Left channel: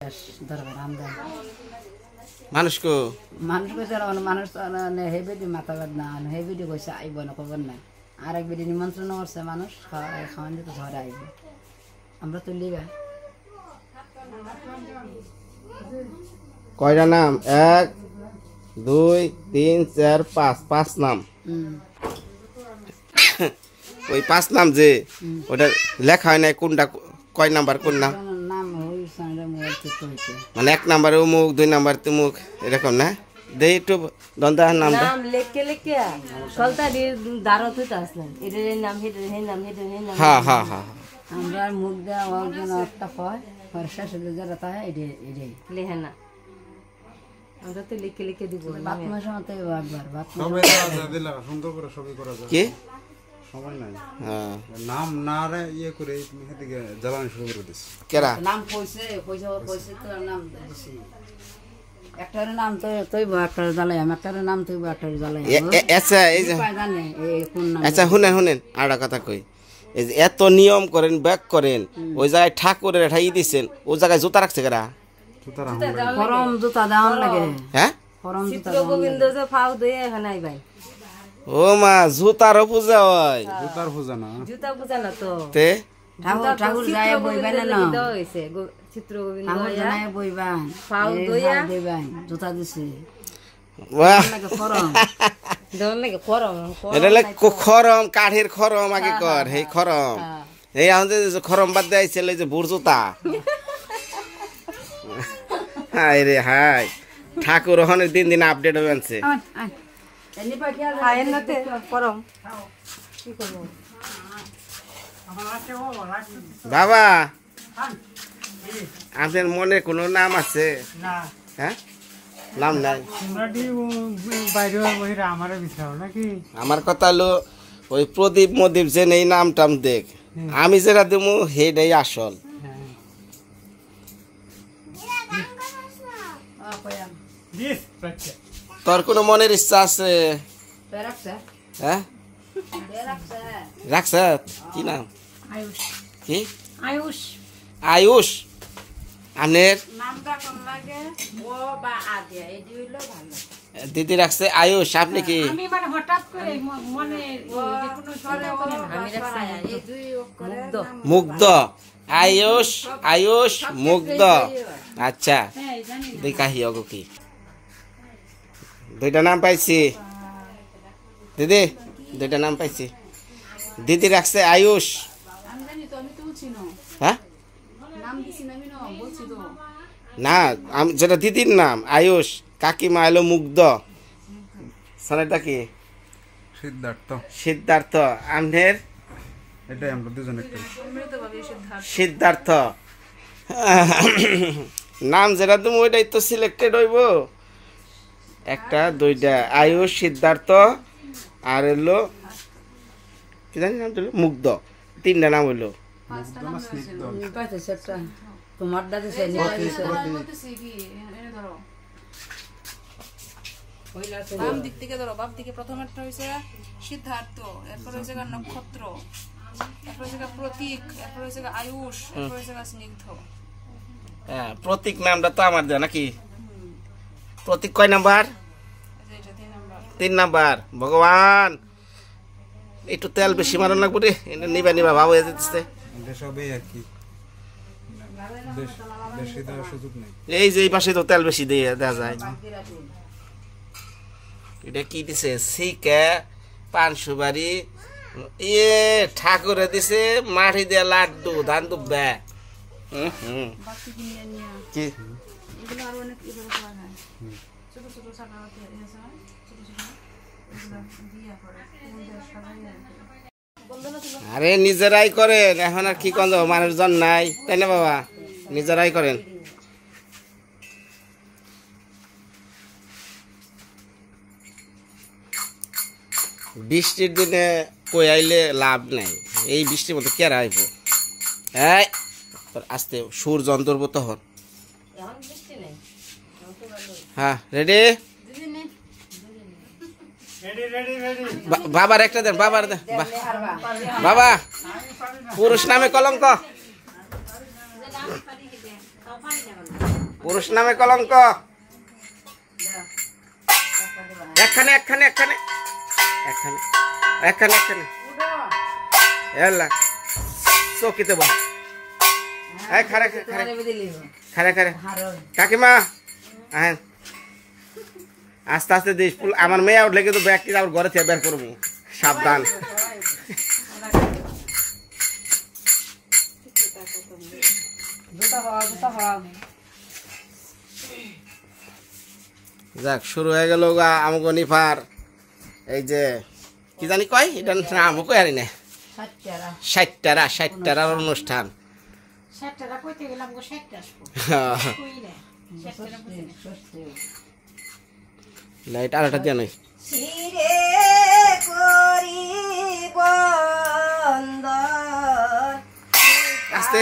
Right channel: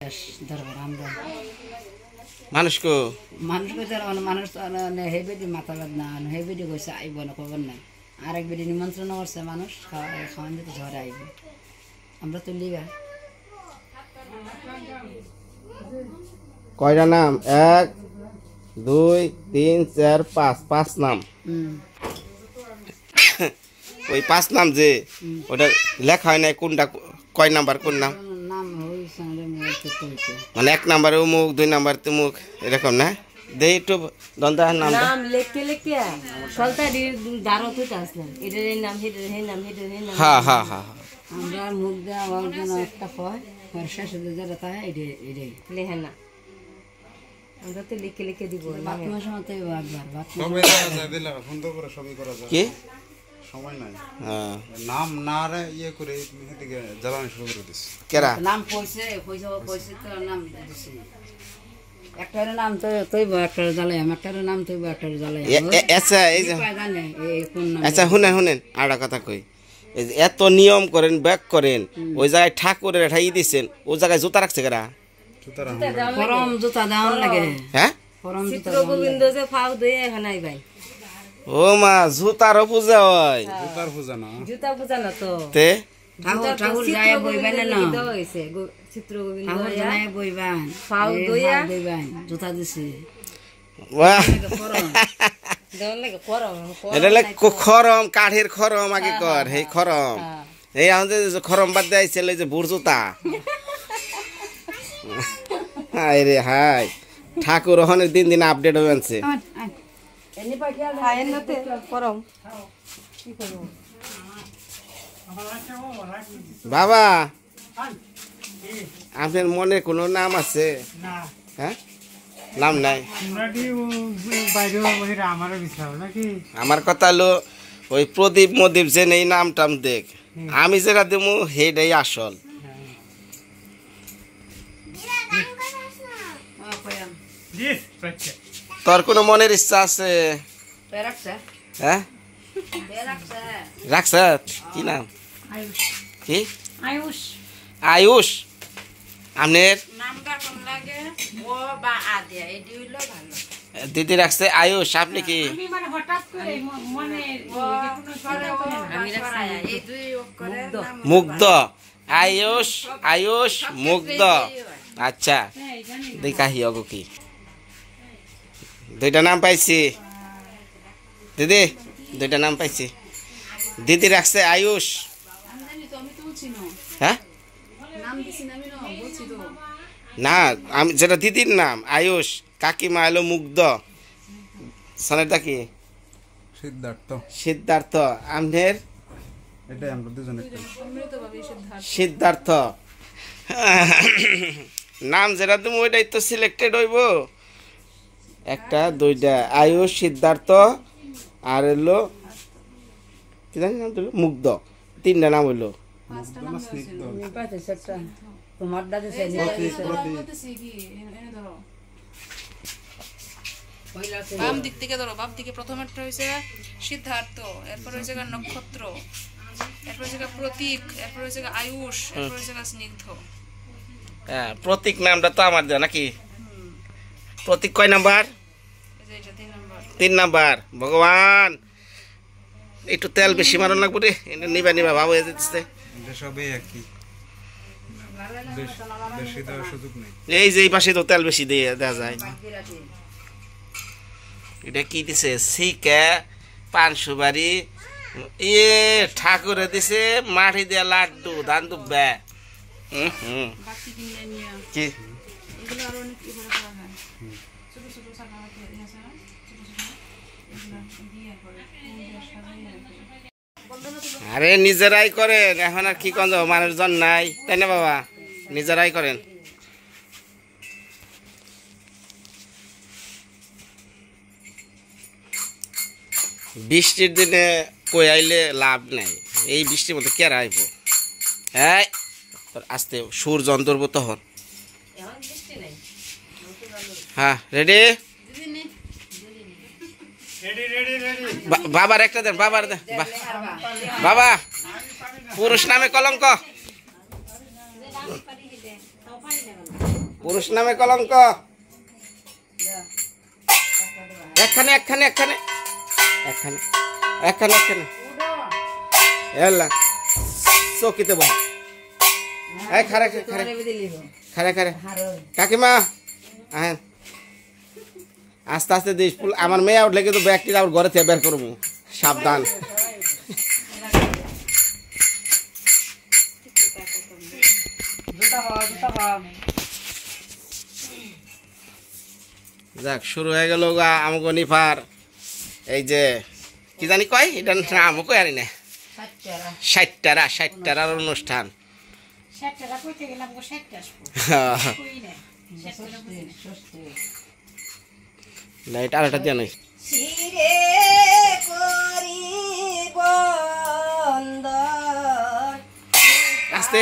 দরকার আমরা মানুষকে মানুষ হে বেদি মাথা বাদ না হে বেদি কইছে আইব না খবর না আরেক বেদি নিমন্ত্রণ করছে মানুষ খাওয়ান দিতে ঝরে আইব আমরা তো লিবা কয়টা নাম 1 2 3 4 5 পাঁচ নাম ওই পাঁচ নাম যে ওটা লেখা হয় না কোনটা কয় নাম্বার কোন নাম নাম হইছে মানে 1 নাম্বারে মুখ 2 নাম্বার মুখ এরকম না দেই একটু দন্দার নামটা নাম লিখে লিখে সলতা দারত হইতা আসলেন এটার নাম হেডের নাম হ্যাঁ হ্যাঁ হ্যাঁ আমরা মুখ দেওয়া ওর একটা হয় শেষ হয়ে যারা তাই এটাই লেখে না আমরা তো লিখে লিখে দিব বাথরুমের সময় তো একবার সবাই দিলা সুন্দর করে সবাই করা যায় কি সময় নাই হ্যাঁ নাম না রে ইয়ে করে এদিকে জ্বালানি শুরু করে দিস কেরা নাম কইছে তো নাম দিছি একটার নাম তো তৈব একটার জ্বালাই একটার নাম তৈব একটার জ্বালাই আচ্ছা এই যে জানে এই কোন নাম আচ্ছা শুনেন আরেকটা কথা কই এই যে এত নিয়ম করেন ব্যাক করেন ওই জায়গায় ঠাকুরের ঠাই দিছেন ওই জায়গায় জুতা রাখছে কেরা ফরম জুতা দেওয়ান লাগে হ্যাঁ ফরম জুতা গোবিন্দ যে ফাউ দিয়ে এখানে আইবাই ও মা জুতারও পূজা হয় জুতার পূজা না জুতা পূজা না তো তে ঠাকুর যায় বইবেন না হইছে চিত্র গোবিন্দ ঠাকুর জানায় বইবেন ফাউ দইয়া বইবেন জুতা দিছে বাহ ফরম দন লাগে ফরম এটা খরম কাঠের খরম আগে কর এই খরম এই আমাদের যে খরম বাদ দেয় ছেলে যে বুড় জুতা হাই রে হাই ঠাকুর ওখানে দিন দিন আপডেট হয়ে আনছে খায়েন নাতে ফরম কি করব বাবা আপনার মনে কোনো নাম আছে হ্যাঁ নাম নাই আমার কথা হলো ওই প্রদীপ মদীপ যে এই নাম টাম দেখ আমি যেটা দেবো সেটাই আসল তোর কোনো মনের ইচ্ছা আছে হ্যাঁ রাখছ কি নাম কি আয়ুষ আয়ুষ আপনার দিদি রাখছে আয়ুষ আপনি কি মুগ্ধ আয়ুষ আয়ুষ মুগ্ধ আচ্ছা দেখাহি অগো কি দুইটা নাম পাইছি দিদি দুইটা নাম পাইছি দিদি রাখছে আয়ুষ হ্যাঁ না আমি যেটা দিদির নাম আয়ুষ কাকিমা এলো মুগ্ধ সনেরটা কি সিদ্ধার্থ আমনের এটাই আমরা দুজনে সিদ্ধার্থ নাম যেটা তুমি ওইটাই তো সিলেক্টেড হইব একটা দুইটা আয়ুষ সিদ্ধার্থ আর এলো কি জানি নাম মুগ্ধ তিনটা নাম হইলো তোমার দাদা বাম দিক থেকে ধরো বাম দিকে প্রথমেরটা হয়েছে সিদ্ধার্থ এরপর হয়েছে নক্ষত্র এরপর হয়েছে প্রতীক এরপর হয়েছে আয়ুষ এরপর হয়েছে স্নিগ্ধ হ্যাঁ প্রতীক নামটা তো আমার দেওয়া নাকি প্রতীক কয় নাম্বার 3 নাম্বার ভগবান একটু তেল বেশি মারন লাগবো রে নিবা নিবা ভাব হয়ে যেতেছে সবই একই বেশি দেওয়ার সুযোগ নেই এই যে এই পাশে তো তেল বেশি দিয়ে দেওয়া যায় এটা কি দিছে শিকা পান সুপারি ইয়ে ঠাকুরে দিছে মাটি দিয়া লাড্ডু ধান দুব্বা কি আরে নিজেরাই করেন এখন আর কি কন মানুষজন নাই তাই না বাবা নিজেরাই করেন বৃষ্টির দিনে কই আইলে লাভ নাই এই বৃষ্টির মধ্যে কেরা আইব এই আস্তে সুর যন্ত্রব তখন হ্যাঁ রেডি বাবার একটা দেন বাবার দেন বাবা পুরুষ নামে কলঙ্ক পুরুষ নামে কলঙ্ক। একখানে একখানে একখানে একখানে একখানে একখানে এলা চকিতে বহ। এই খারে খারে খারে খারে কাকিমা আহেন আস্তে আস্তে দিস ফুল। আমার মেয়ে উঠলে কিন্তু ব্যাগটি আবার ঘরে থেকে বের করবো, সাবধান। যাক শুরু হয়ে গেল আমাকে নিফার এই যে কি জানি কয় এটা নাম কই আরি না 60টার অনুষ্ঠান। লাইট আর একটা দিয়ে নাই আস্তে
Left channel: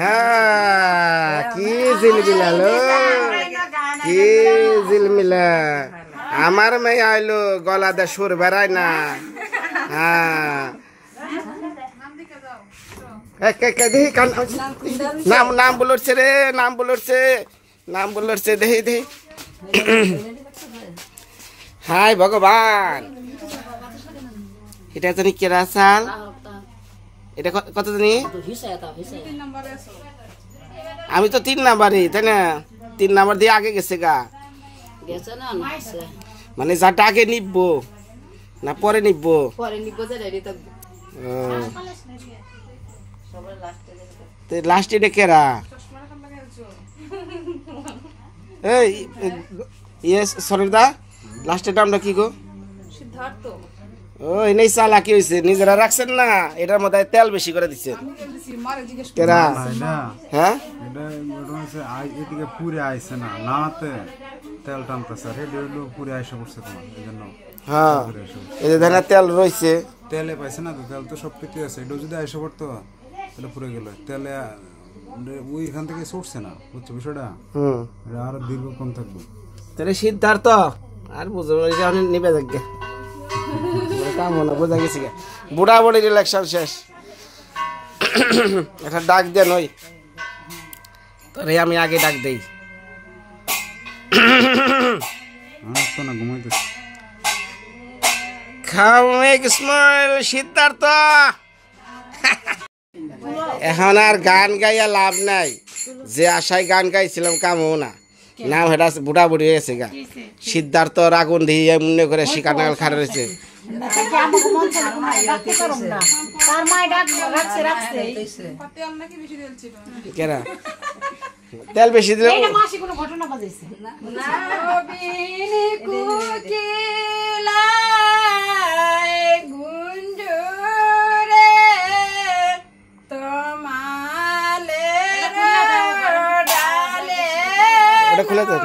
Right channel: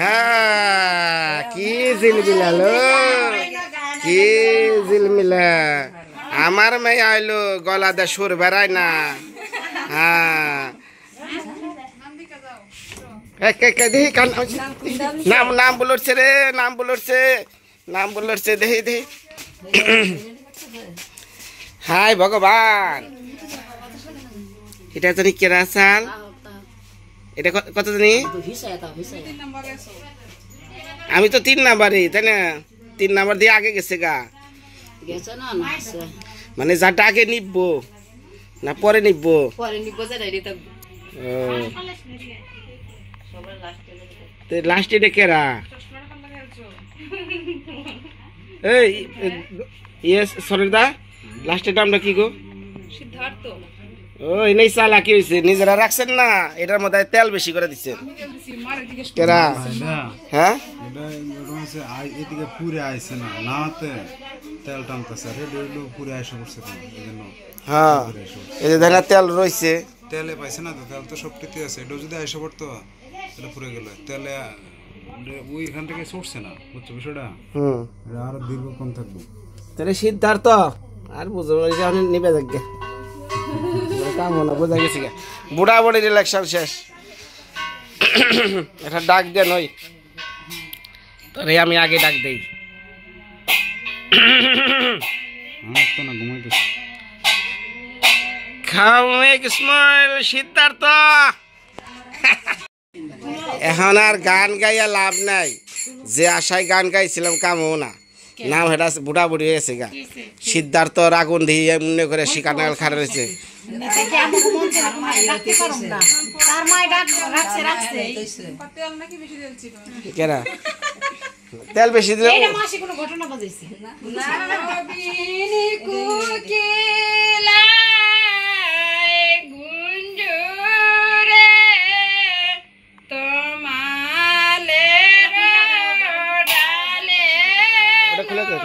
হ্যাঁ কি ঝিলমিলালো কি ঝিলমিলা আমার মেয়ে আইলো গলা দে সুর বেড়ায় না হ্যাঁ দেখি নাম নাম বলছে রে নাম বলছে দেখি হাই ভগবান এটা জানি কেরা চাল এটা কত জানি আমি তো 3 নাম্বারই তাই না 3 নাম্বার দিয়ে আগে গেছে গা মানে যাটা আগে নিব না পরে নিব লাস্ট এটা কেরা এই ইয়েস সরিদা লাস্টের নামটা কি গো সিদ্ধার্থ ও এনেই চালাকি হয়েছে নিজেরা রাখছেন না এটার মধ্যে তেল বেশি করে দিচ্ছেন কেরা হ্যাঁ এদিকে পুরে আইছে না নাতে তেল টানতেছে আর এটা হলো পুরে আইসা পড়ছে তোমার এই জন্য হ্যাঁ এই যে ধানের তেল রয়েছে তেলে পাইছে না তো তেল তো সব কিছু আছে এটা যদি আইসা পড়তো এটা পুরে গেল তেলে ওইখান থেকে ছুটছে না বুঝছো বিষয়টা এটা আরো দীর্ঘক্ষণ থাকবে তাহলে সিদ্ধার্থ আর বুঝো নিবে যাক কাম না বোঝা গেছে বুড়া বুড়ির ইলেকশন শেষ এটা ডাক দেন ওই তোরে আমি আগে ডাক দেই তো না ঘুমাইতেছে খামেক স্মাইল সিদ্ধার্থ এখন আর গান গাইয়া লাভ নাই যে আশায় গান গাইছিলাম কামও না নাম হেটা বুড়া বুড়ি হয়েছে গা সিদ্ধার্থ আগুন দিয়ে মনে করে শিকানাল খাড়া রয়েছে কেনা তেল বেশি দিল ওটা খুলে দেন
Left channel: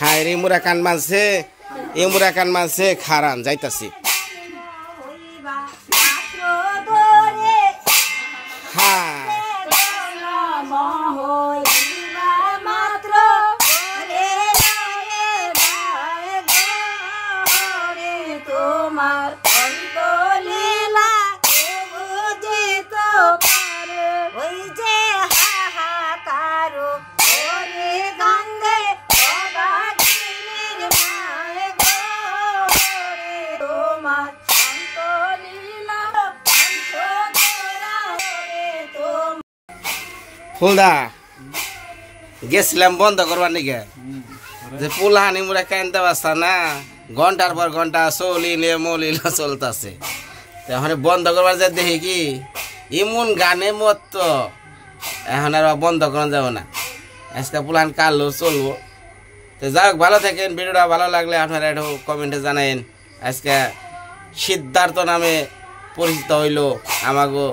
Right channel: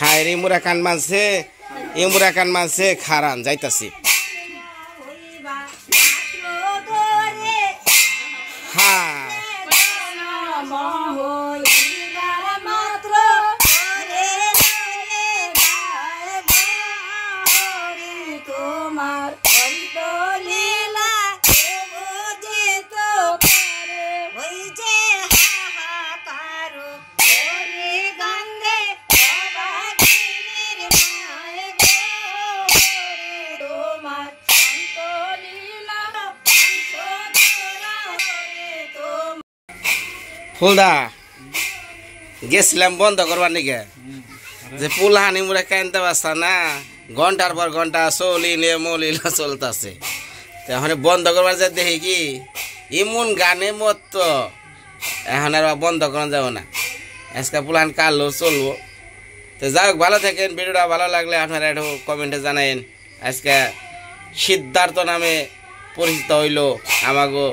হায় রে মুরাকান মানছে এই মুরাকান মানছে খারান যাইতাছি হ্যাঁ ফুলদা গেছিলাম বন্ধ করবার নিকে যে পুলহানি মুরা কানতে পারছা না ঘন্টার পর ঘন্টা চলিলে মলিল চলতেছে এখন বন্ধ করবার যে দেখি কি এমন গানে মত তো এখন আর বন্ধ করা যাবো না আজকে পুলহান কালো চলবো তো যাই হোক, ভালো থাকেন। ভিডিওটা ভালো লাগলে আপনারা একটু কমেন্টে জানাইন। আজকে সিদ্ধার্থ নামে পরিচিত হইল আমাগো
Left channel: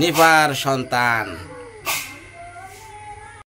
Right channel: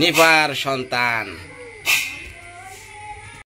নিপার সন্তান।